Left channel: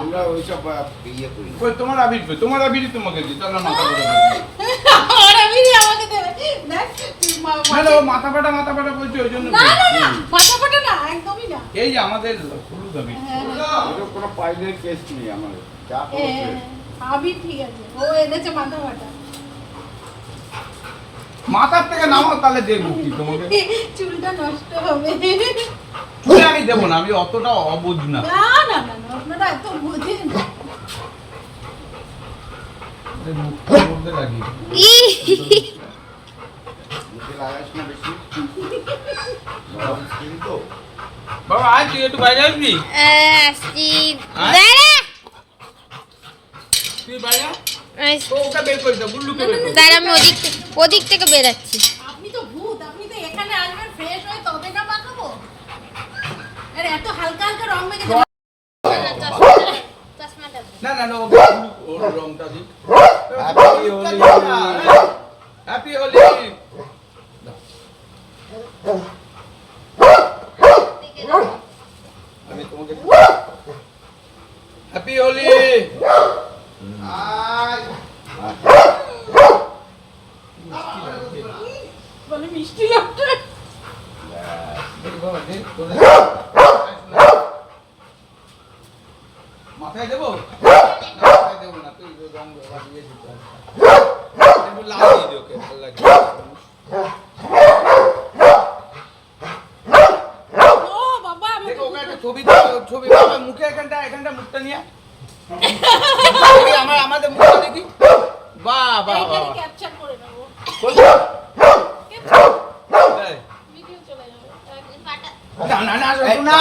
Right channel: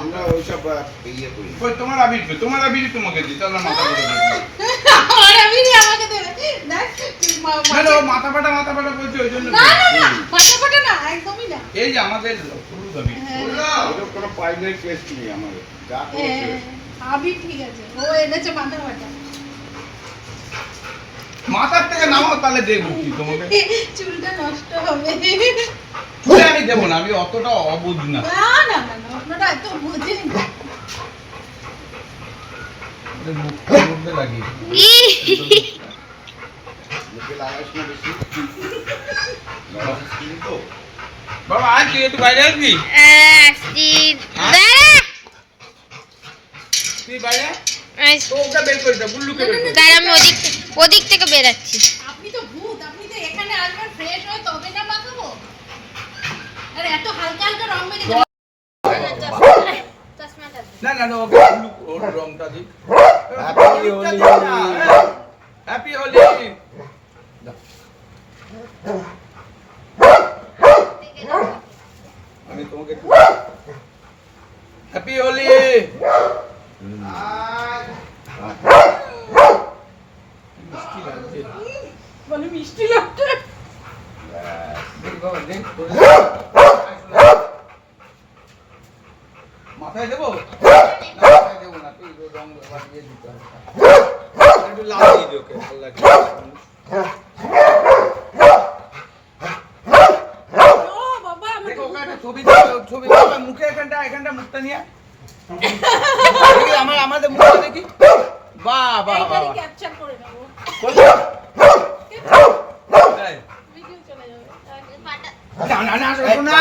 আমরা ওইসব ইয়ে করি। ওই তোমার আবির তোমাকে দিই, তাহলে মাথা করে দেবে। আর আবিরই আমাকে দেবে। দেখ হ্যালো, মাথা ফাটা বলছি ওই জন্য। না মাথা ফাটা না, একদমই না। এই যে আমাদের হলুদ আবির। ওদের কোনো পাইলের কেস নেই আমাদের, যা করেছে। আবির ঠিক আছে, ও এনেছে মাথা ফাটা। মাথার থেকে নামাও, তাহলে দেখবো কি তোমাকে। চুলটা নষ্ট হবে। চুলে আমি দেবো না, আমি অতটা অবুঝ না। না আপনারা এত বোঝেন না। মুখের মধ্যে লাগিয়ে মুখে লাগাইস না বেশি। স্কিন তো। বাবা আজ তুই একটু বাইরে আসবি? তুই বাইরে আয়। তো ওটা বের করে দাও, বুল্লুকে বের করে দাও। আমি ওদিক থেকে বেরাচ্ছি। আপনি তো ভূত, আপনি তো এখানে আসবেন ফ্রেশ হয়ে তবে না মাখাবো। আরে এত হালকা হালকা রং মেখে না ওকে ওর রংটা দিক। হ্যাপি হোলি। হ্যাপি হোলি। আমি তোমাকে হ্যাপি হোলি। বলে মিষ্টি লাগছে। মাথায় দেবো? মাথায় দেবো না, তুই রং দিয়ে দিতে হবে। একটু লাল দিয়ে দিও, ওকে ভালো লাগে। ও বাবা আমি দেখো ওকে একটা ছবি দাও, ছবি দাও মুখে, এখানটা মুখটা নিয়ে। আমাদের মুখটা দেখি। বাহ এইখানে ক্যাপচার করে নেব। এই, ভিডিও চলে যাবে। না, শোনো না।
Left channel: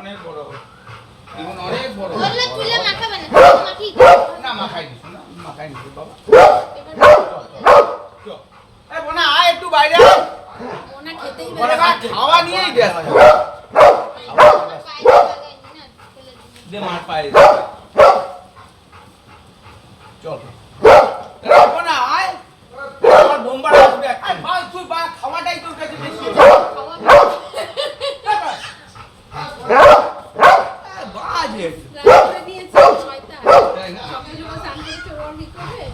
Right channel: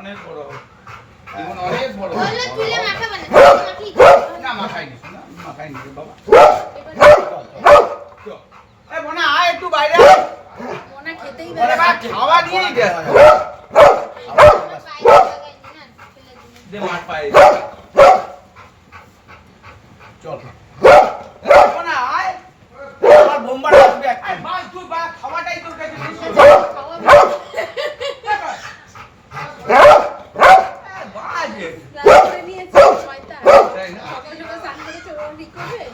অনেক বড়। জীবন অনেক বড়। বললো তুলে মাখাবে না, মাখি। না, মাখাই নিস না, মাখাই নিস বাবা। এবার এই বোনা, আয় একটু বাইরে আয়। মনে খেতেই বলে পারে। বা খাওয়া নিয়েই ব্যস্ত। বাইরে লাগাইনি না, ফেলে দিই। যে মার পায়ে দে। চল। এই বোনা, আয়। আমার বোম্বার আসবে একটা। ভাই তুই বা খাওয়াটাই তোর কাছে বেশি। খাওয়া বাজে। রান্না করে নিয়েছে ছয়টা। তাই না? সকাল সকাল স্নান করেছে, ও ঠিক করবে।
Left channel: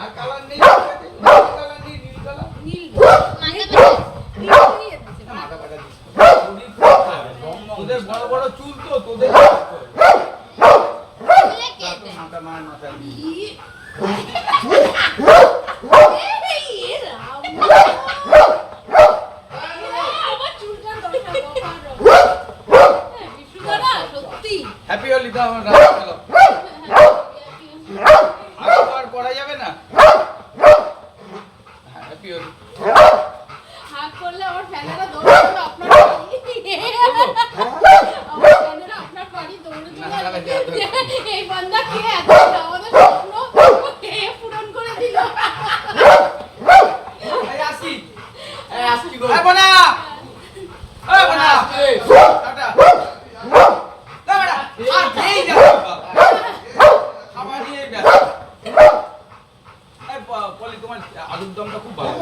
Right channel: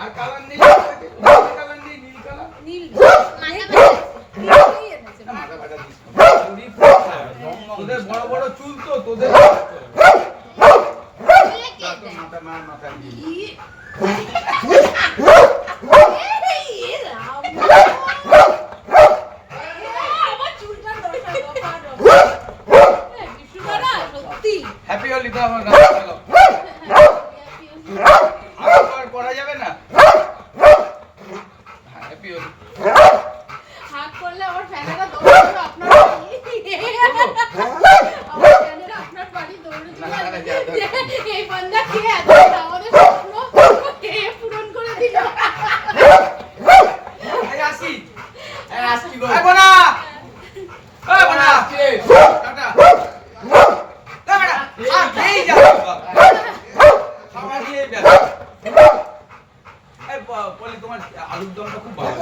আর কালার নেই, কালার নেই, নীল কালার। নীল মাথা ব্যথা। নীলই এনেছে। মাথা ব্যথা দিস না। তোদের বড় বড় চুল তো, তোদের তুলে কে দেয়? মাথায় দিই। এই রাম। আমার চুলটার দরকার এই বিশুদারা সত্যি। হ্যাপি হোলি দাও না, চলো। আর করা যাবে না। হ্যাপি হোলি। হাত করলে আমার ফ্যানেরা দৌড়ে চলে আপনার বাড়ি। আমার ফ্যানেরা আপনার বাড়ি দৌড়ে চলে আসবে। এই বান্দা কে আছে? আমাদের স্বপ্ন কে পূরণ করে দিল? এই আসি গো। এই বোনা, এই বোনা, টাটা। না বেটা, আর খেয়েই যাও। খাবার নিয়েই ব্যস্ত। এই পলি, তোমার আলুর দমটা খুব ভালো।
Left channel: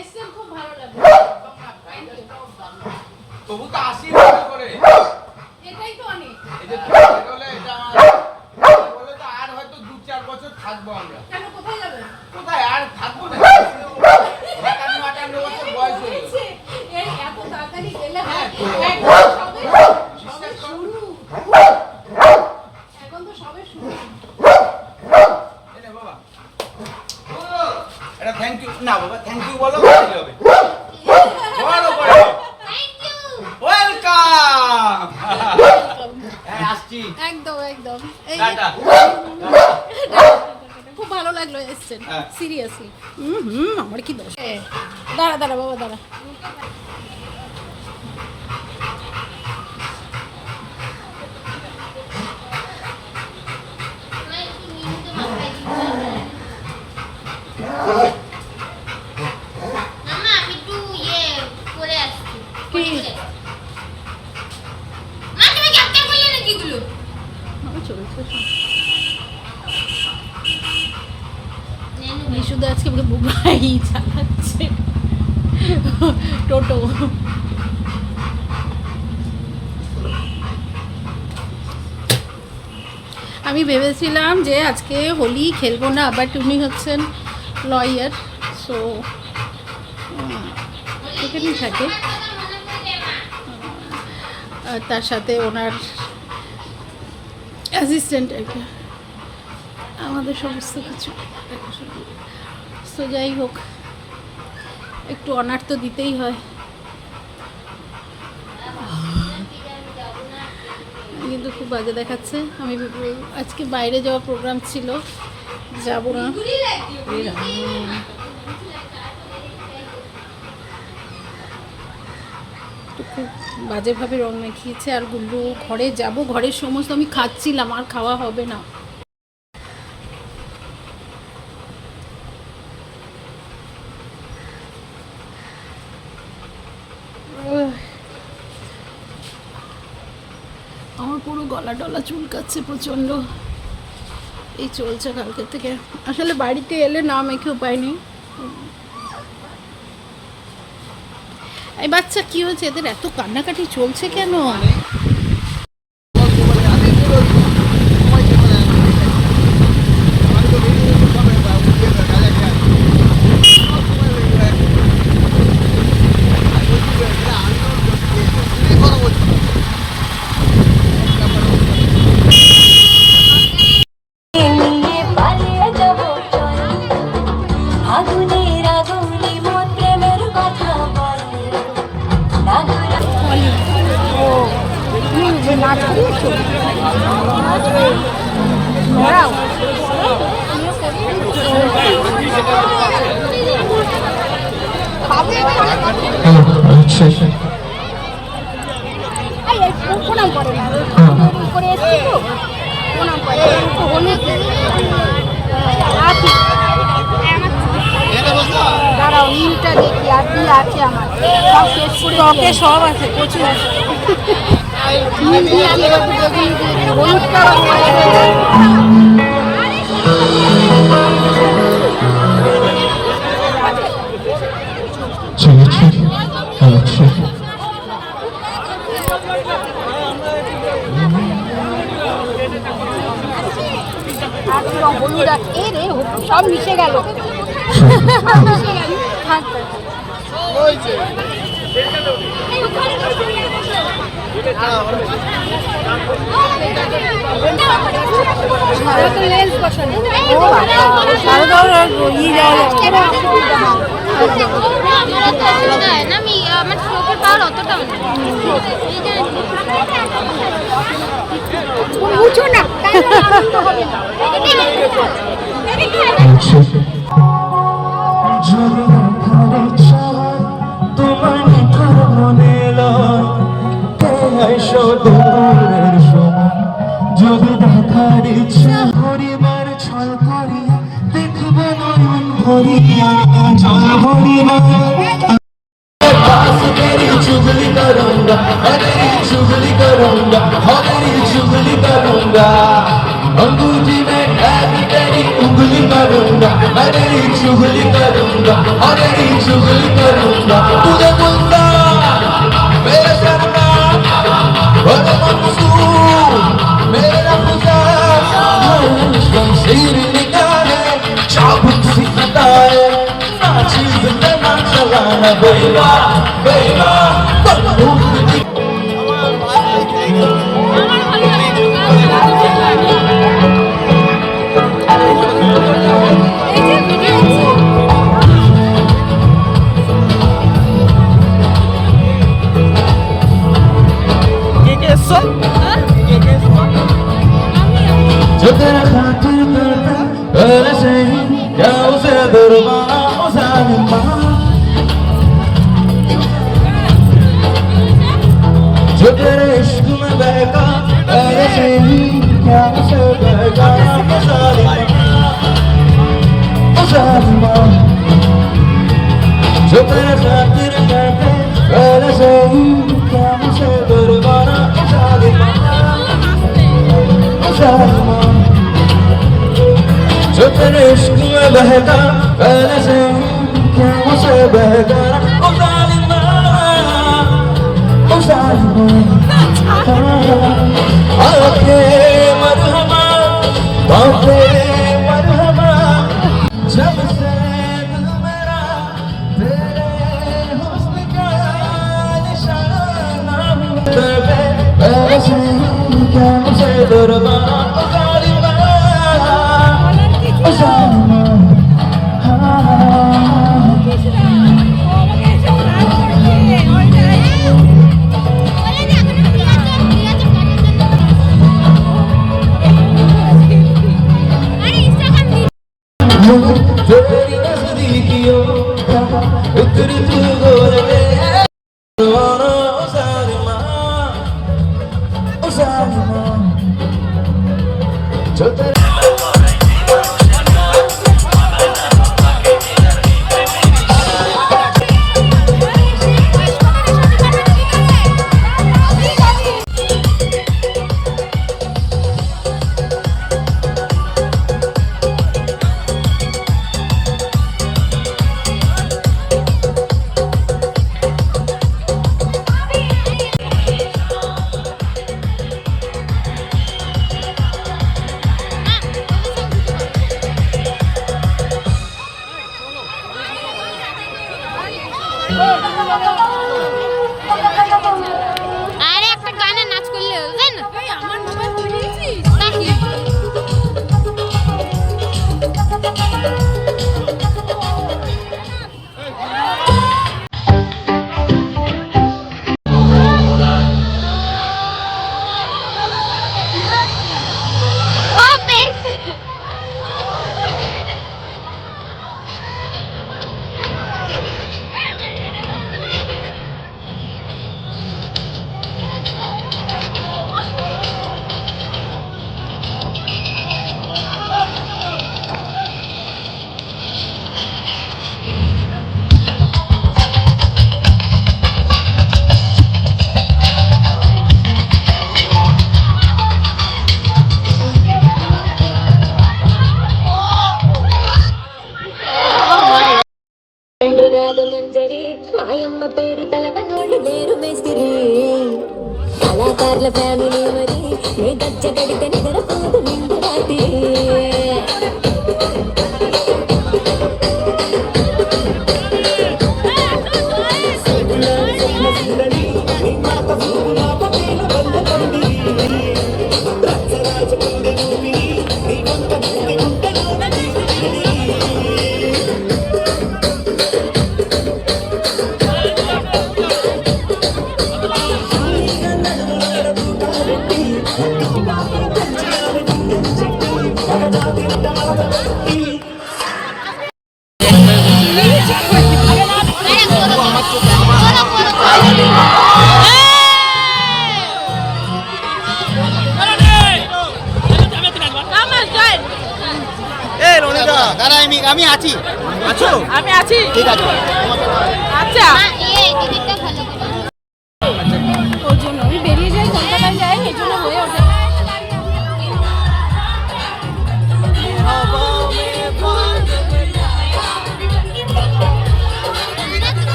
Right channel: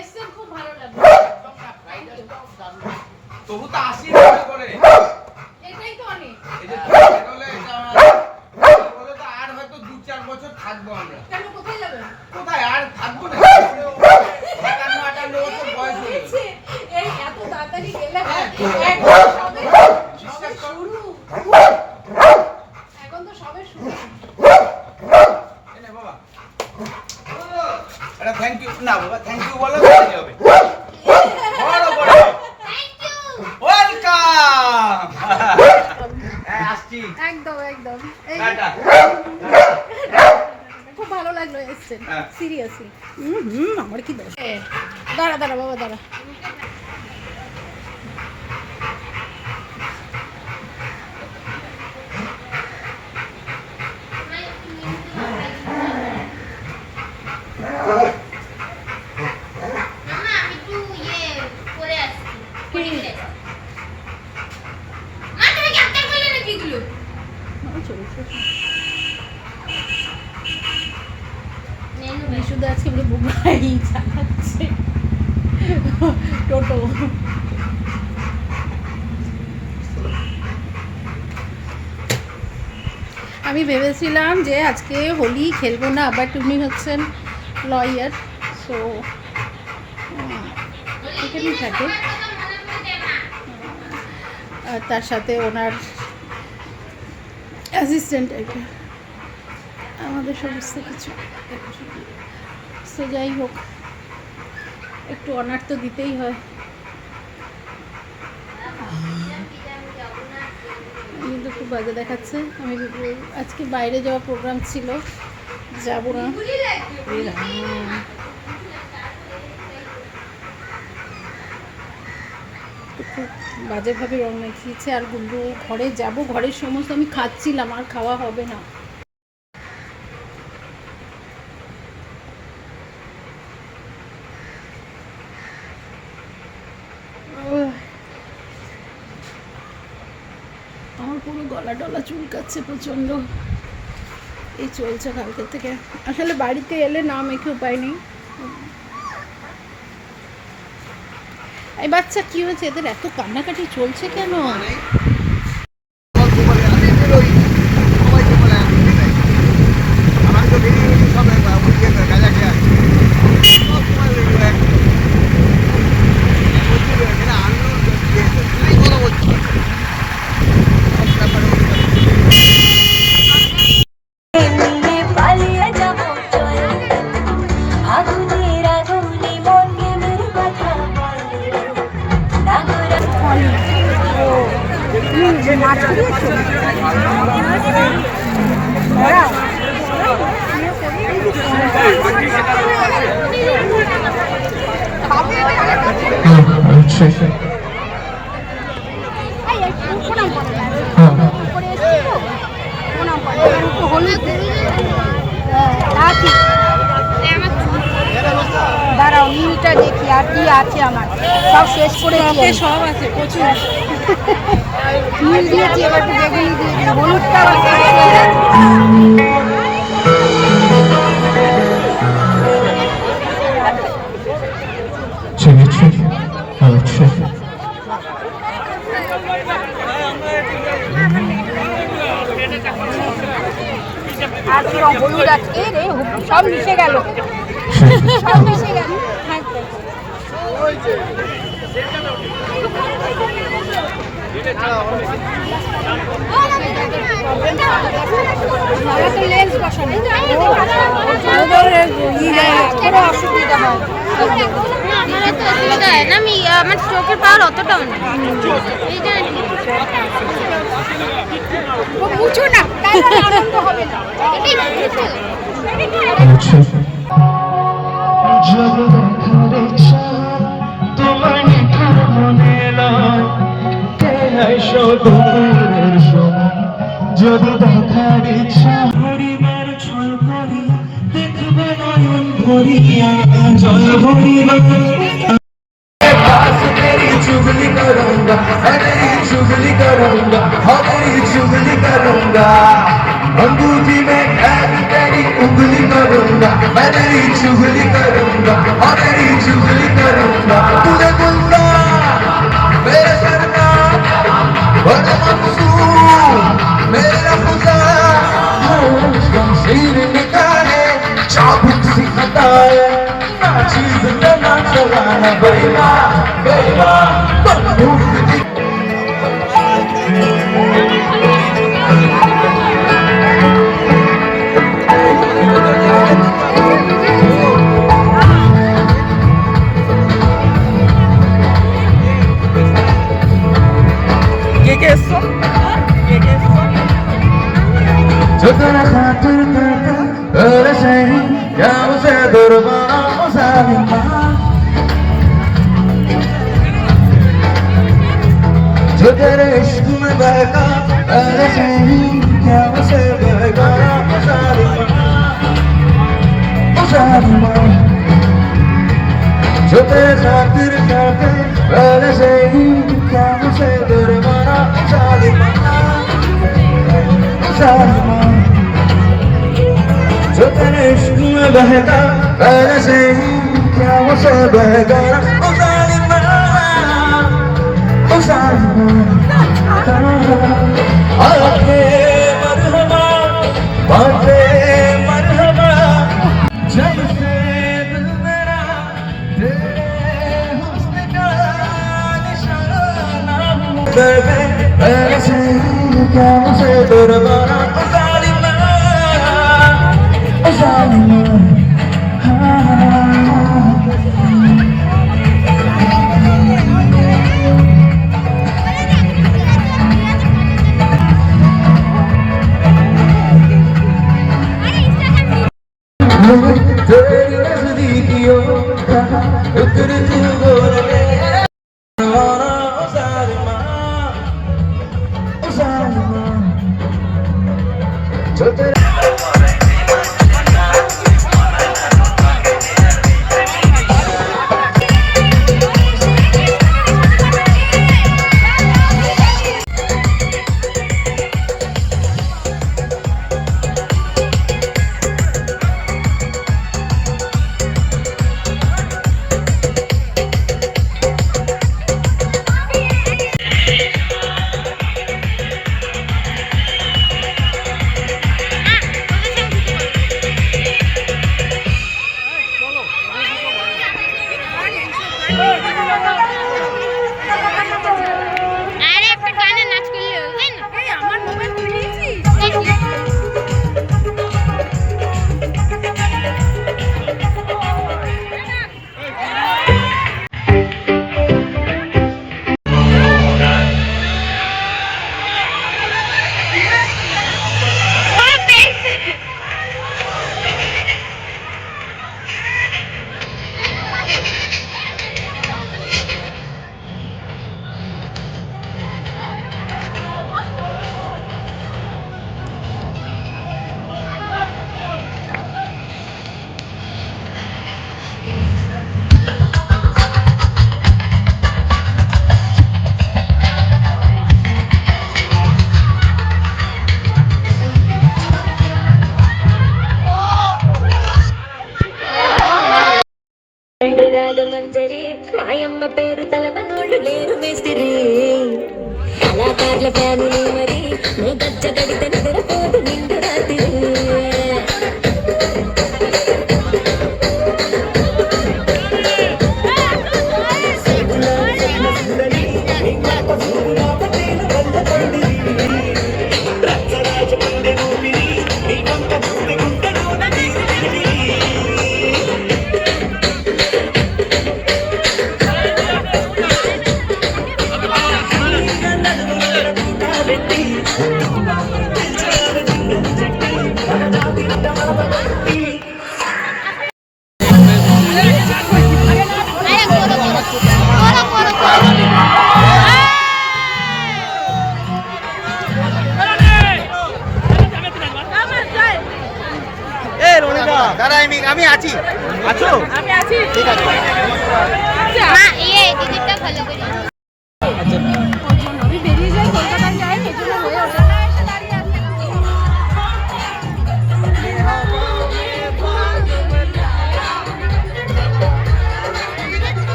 এসছেন, খুব ভালো লাগলো। Thank you. তবু তো 80 টাকা করে। এটাই তো অনেক। এই যে তুমি বলে এটা আমার বলে তো আর হয়তো 2-4 বছর থাকবো আমরা। কেন, কোথায় যাবেন? কোথায় আর থাকবো না। 58 বছর বয়স হয়ে গেল। এই এত তাড়াতাড়ি গেলে হয়? এখন সবে শুরু। এখন তো সবে শুরু। এই নে বাবা। এটা থ্যাংক ইউ না বাবা, থ্যাংক ইউ বলো তাহলেই হবে। বলো বলো। Thank you. ওয়েলকাম। হ্যাঁ আসছি। একদম একদম। এই টাটা। খুব ভালো লাগলো এসছেন, হ্যাঁ। সিরিয়াসলি। আমার কি দোষ? দাঁড়া বাবা দাঁড়া। মামা আমি একটু করে আসছি। কি? মা তুমি ক্যাপ্টেন করলে নাকি এগুলো? বিশুদ্ধ আজকে গাড়ি চালাচ্ছে, টোটো। আমি ভেবেছিলাম যে আজকে হোলি খেলবো না, বাট উনি হচ্ছেন লয়ার, সো এখানেই থাকে। আর তার সাথে ওনার অ্যাসিস্ট্যান্ট একটা আমাদের সমস্ত কিছু দেখাশোনা। সো যাই হোক, একটু অনার তো দিতেই হয়। কিন্তু খুব বাজে দেখাচ্ছে। আমি আজকে বাইরে যাওয়ার প্রোগ্রাম ছিল, যাব না। তো খুব বাজেভাবে রং মাখিয়েছে। আর গুল্লু ঘরে যাব, ঘরের সমস্ত আমি খাচ্ছিলাম, আর খাওয়া হবে না। আমার পুরো গলা টলা চুলকাচ্ছে প্রচণ্ড। এই চলছে কালকে থেকে। আসলে বাড়িতে এলে না মেখে উপায় নেই। এই বাচ্চা কি হয়েছে, এদের এত কান্নাকাটি চলছে কেন? দাঁড়াও মিনিটা দেখি আর কি আছে আমার, সব শেষ করে ওকে সব আছে প্রচুর। মিল দিয়েছি, এবার একটু বেগুনি দিয়ে দিই, হলুদটা আর কি রং, হলুদ আর এ রে সব মিশে গেল। আমার চোখের পাওয়ার অতটাও বুঝো না। যদি দেখার ইচ্ছা পরিবার ছল করিয়া দেখব নয়ন ভরিয়া জল ভরিয়া चुगली करूंगा, चुगली करूंगा, चुगली करूंगा, अंगूठी में टैग तेरी उंगली करूंगा, मैं तेरी चुगली करूंगा, और तेरी चुगली करूंगा, तूने बुंदा मेरे सरना, बड़ा मंसूर मेरा खुदा, शमशीर निकाले चाबुक सिखाता है, ना चीज ना चलाना बेगा बेगा Çökene hatır kırdı öyle şey ya uze durma o zalim bana Çökene işkime beka öyle şey ya uze beka o zalim bana o zalim bana Çökene hatır kırdı öyle şey ya uze durma o zalim bana o zalim bana जो तेरे इश्क में बहका ऐसे क्या मुझसे बहका ओ जालिमा आके मरहमा क्या मुझे दरबार जालिमा जालिमा तेरी नजदीकियों का उतर तू गोद में जालिमा जालिमा जो तेरा আরে একটা গানে নাচ করলে হবে না এই আমার মোবাইল তুলে নিয়েছিস নাকি మంజరి మాయమ్మ పేరు తలవనోళ్ళు లేరు మేస్తిరి కళాకారుల ఫ్యామిలీ మరి నీ గచ్చ తడితే నిద్రపోదు నిండు రాత్రి আমি আছি আছো আমি আছি ঠিক আছে আচ্ছা মা এই টিকিটটা ভালো করে ওর জন্য আমি বেরিয়ে যাই কলকাতায় যাই এই জন্য হয়ে ওঠে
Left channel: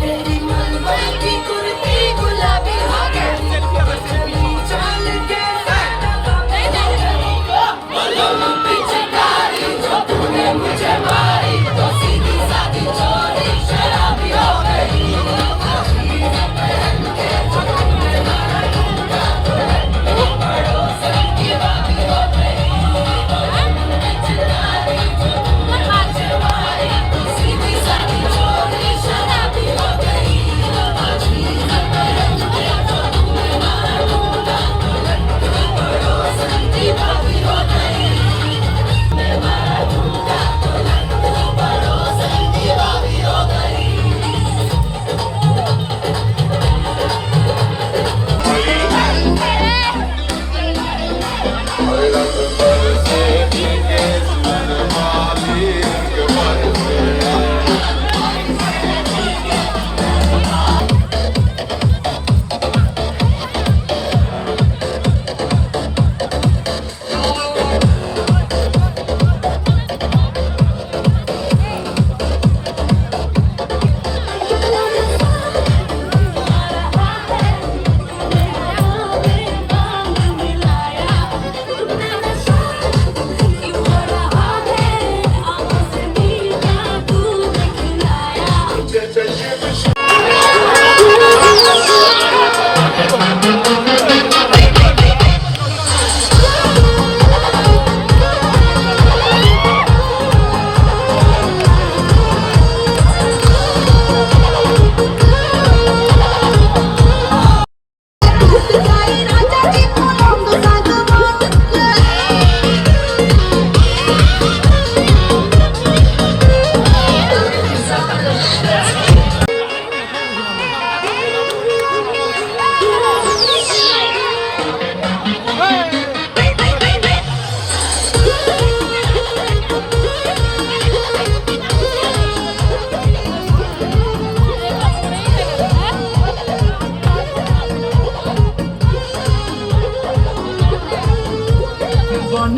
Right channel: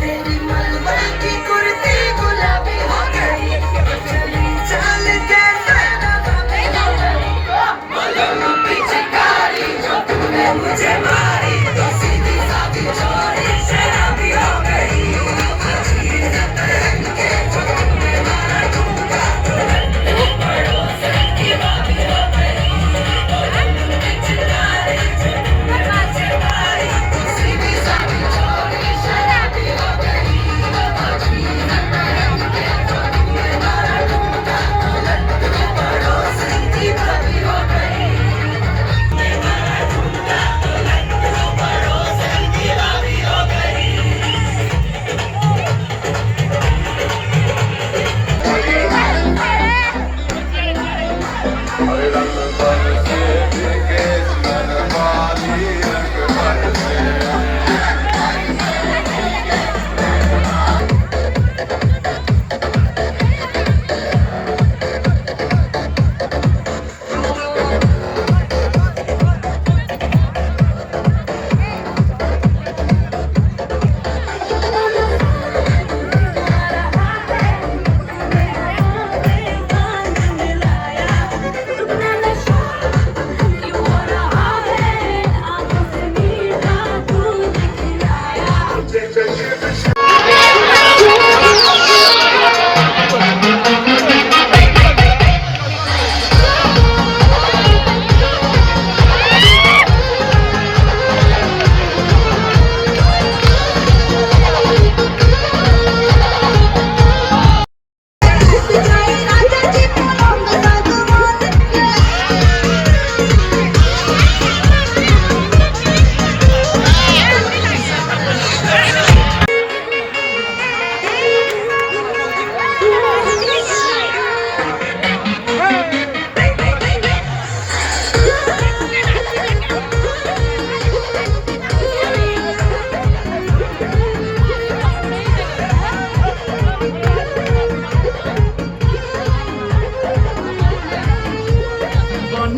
तेरी मलमल की कुर्ती गुलाबी हो गई चली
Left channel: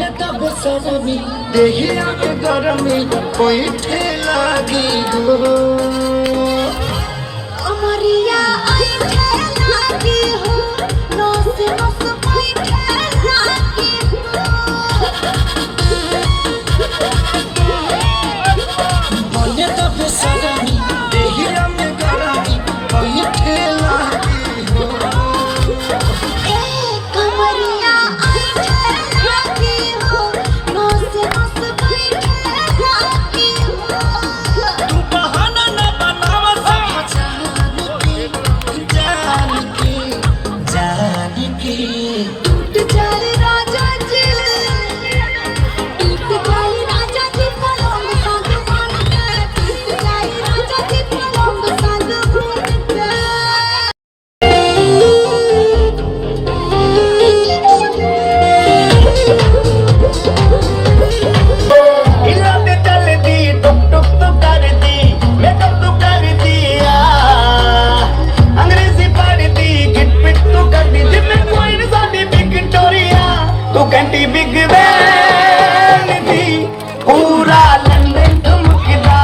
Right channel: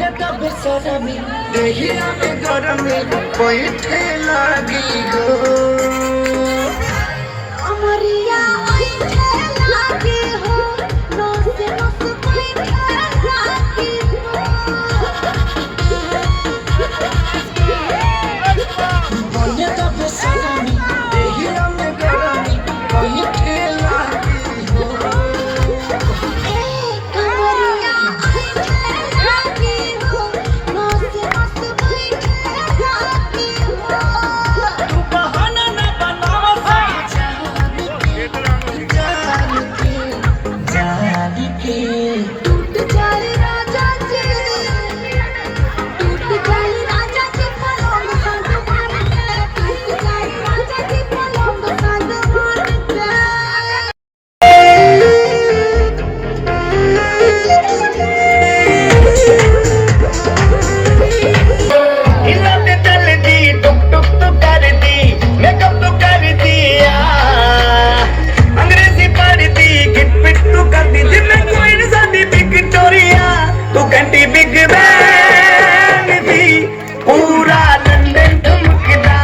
মনে তবে সরমি দেহি আমি গরমি পইঠে লাগি গো अमरिया आइठे लागे हो नस नस बैठे लागे মনে তবে সরমি দেহি আমি গরমি পইঠে লাগি গো अमरिया आइठे लागे हो नस नस बैठे लागे तू बहाना ना बनावा जान के टूट जाए राजा जी पलंग संग मान के टूट जाए राजा जी पलंग संग मान के हिलने चल दी टुक टुक तो कर दी मेकअप तो कर दिया अंग्रेजी पढ़ दी गिट पिट तो कर दी जिम्मे कोई नहीं साथी विक्टोरिया तू घंटी बिग बैंग दी पूरा लंदन ठुमकदा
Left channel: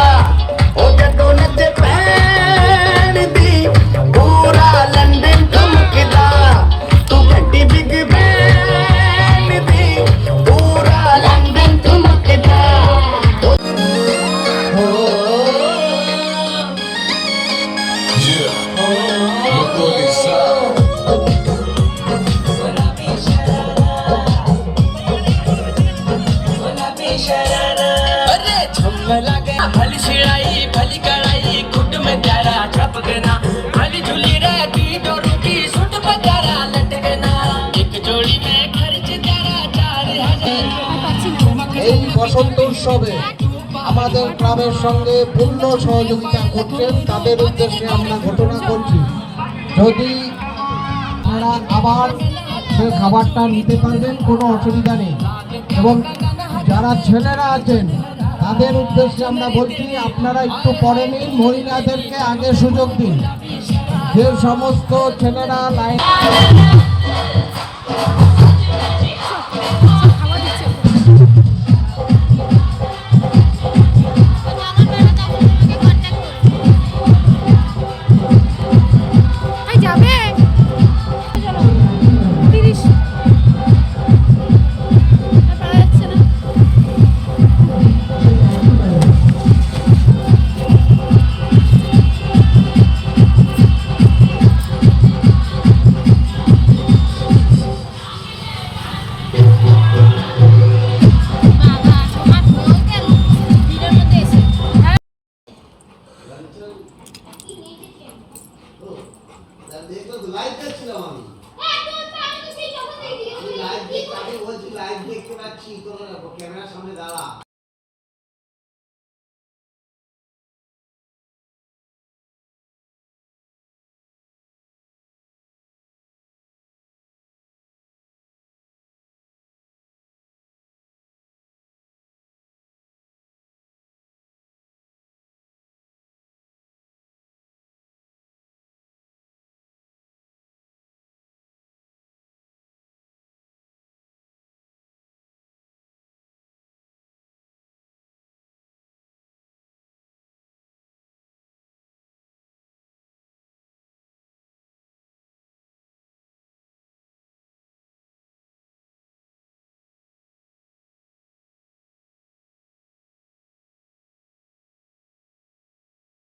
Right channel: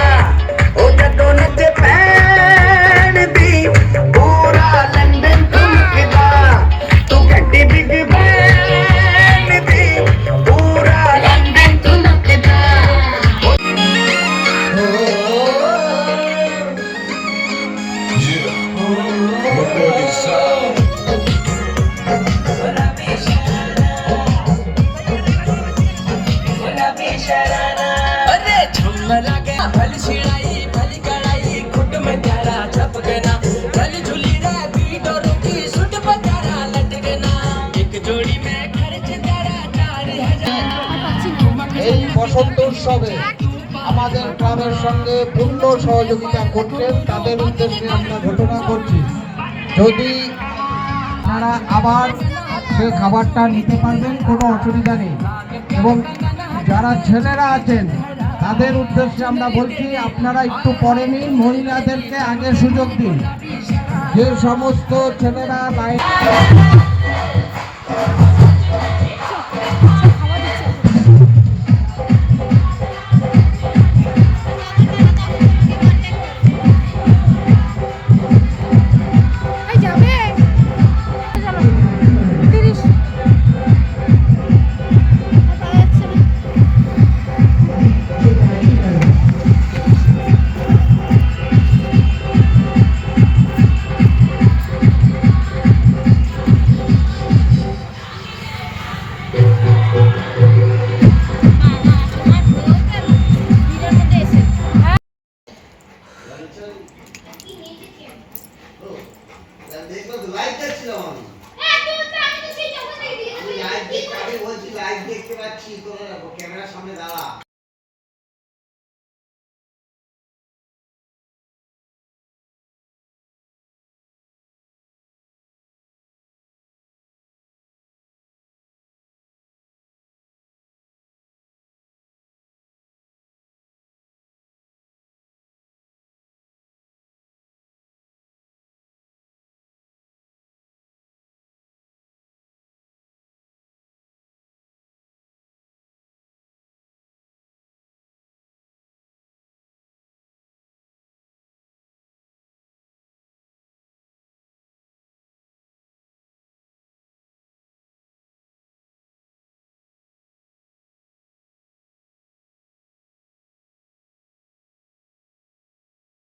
ओ जदों नचे पैन दी पूरा लंदन ठुमकदा तू घंटी बिग बैंग दी पूरा लंदन ठुमकदा अरे झुमला गया भली सिलाई भली कड़ाई खुद में प्यारा छपकना भली झूली रहती बोरू की सुत बजारा लटकना एक जोड़ी में खर्च तेरा 4000 এই বসন্ত উৎসবে আমাদের ক্লাবের সঙ্গে পূর্ণ সহযোগিতা করছেন তাদের উদ্দেশ্যে আমরা ঘোষণা করছি যদি তারা আবার সেই খাবারটা নিতে পারবেন কোনো অসুবিধা নেই এবং যারা ছেলেরা আছেন তাদের উদ্দেশ্যে আমরা বলছি আপনারা একটু পরে নিন মহিলাদেরকে আগে সুযোগ দিন যে সমস্ত ছেলেরা লাইন যাবে চলো 30 পারা যাচ্ছে না দেখবো তো লাইভ দেখছিলাম আমি লাইভ দেখতে আমি বলছি লাইভ দেখতে পাচ্ছি তোরা ক্যামেরার সামনে দাঁড়া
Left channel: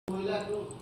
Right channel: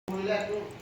মহিলা একটু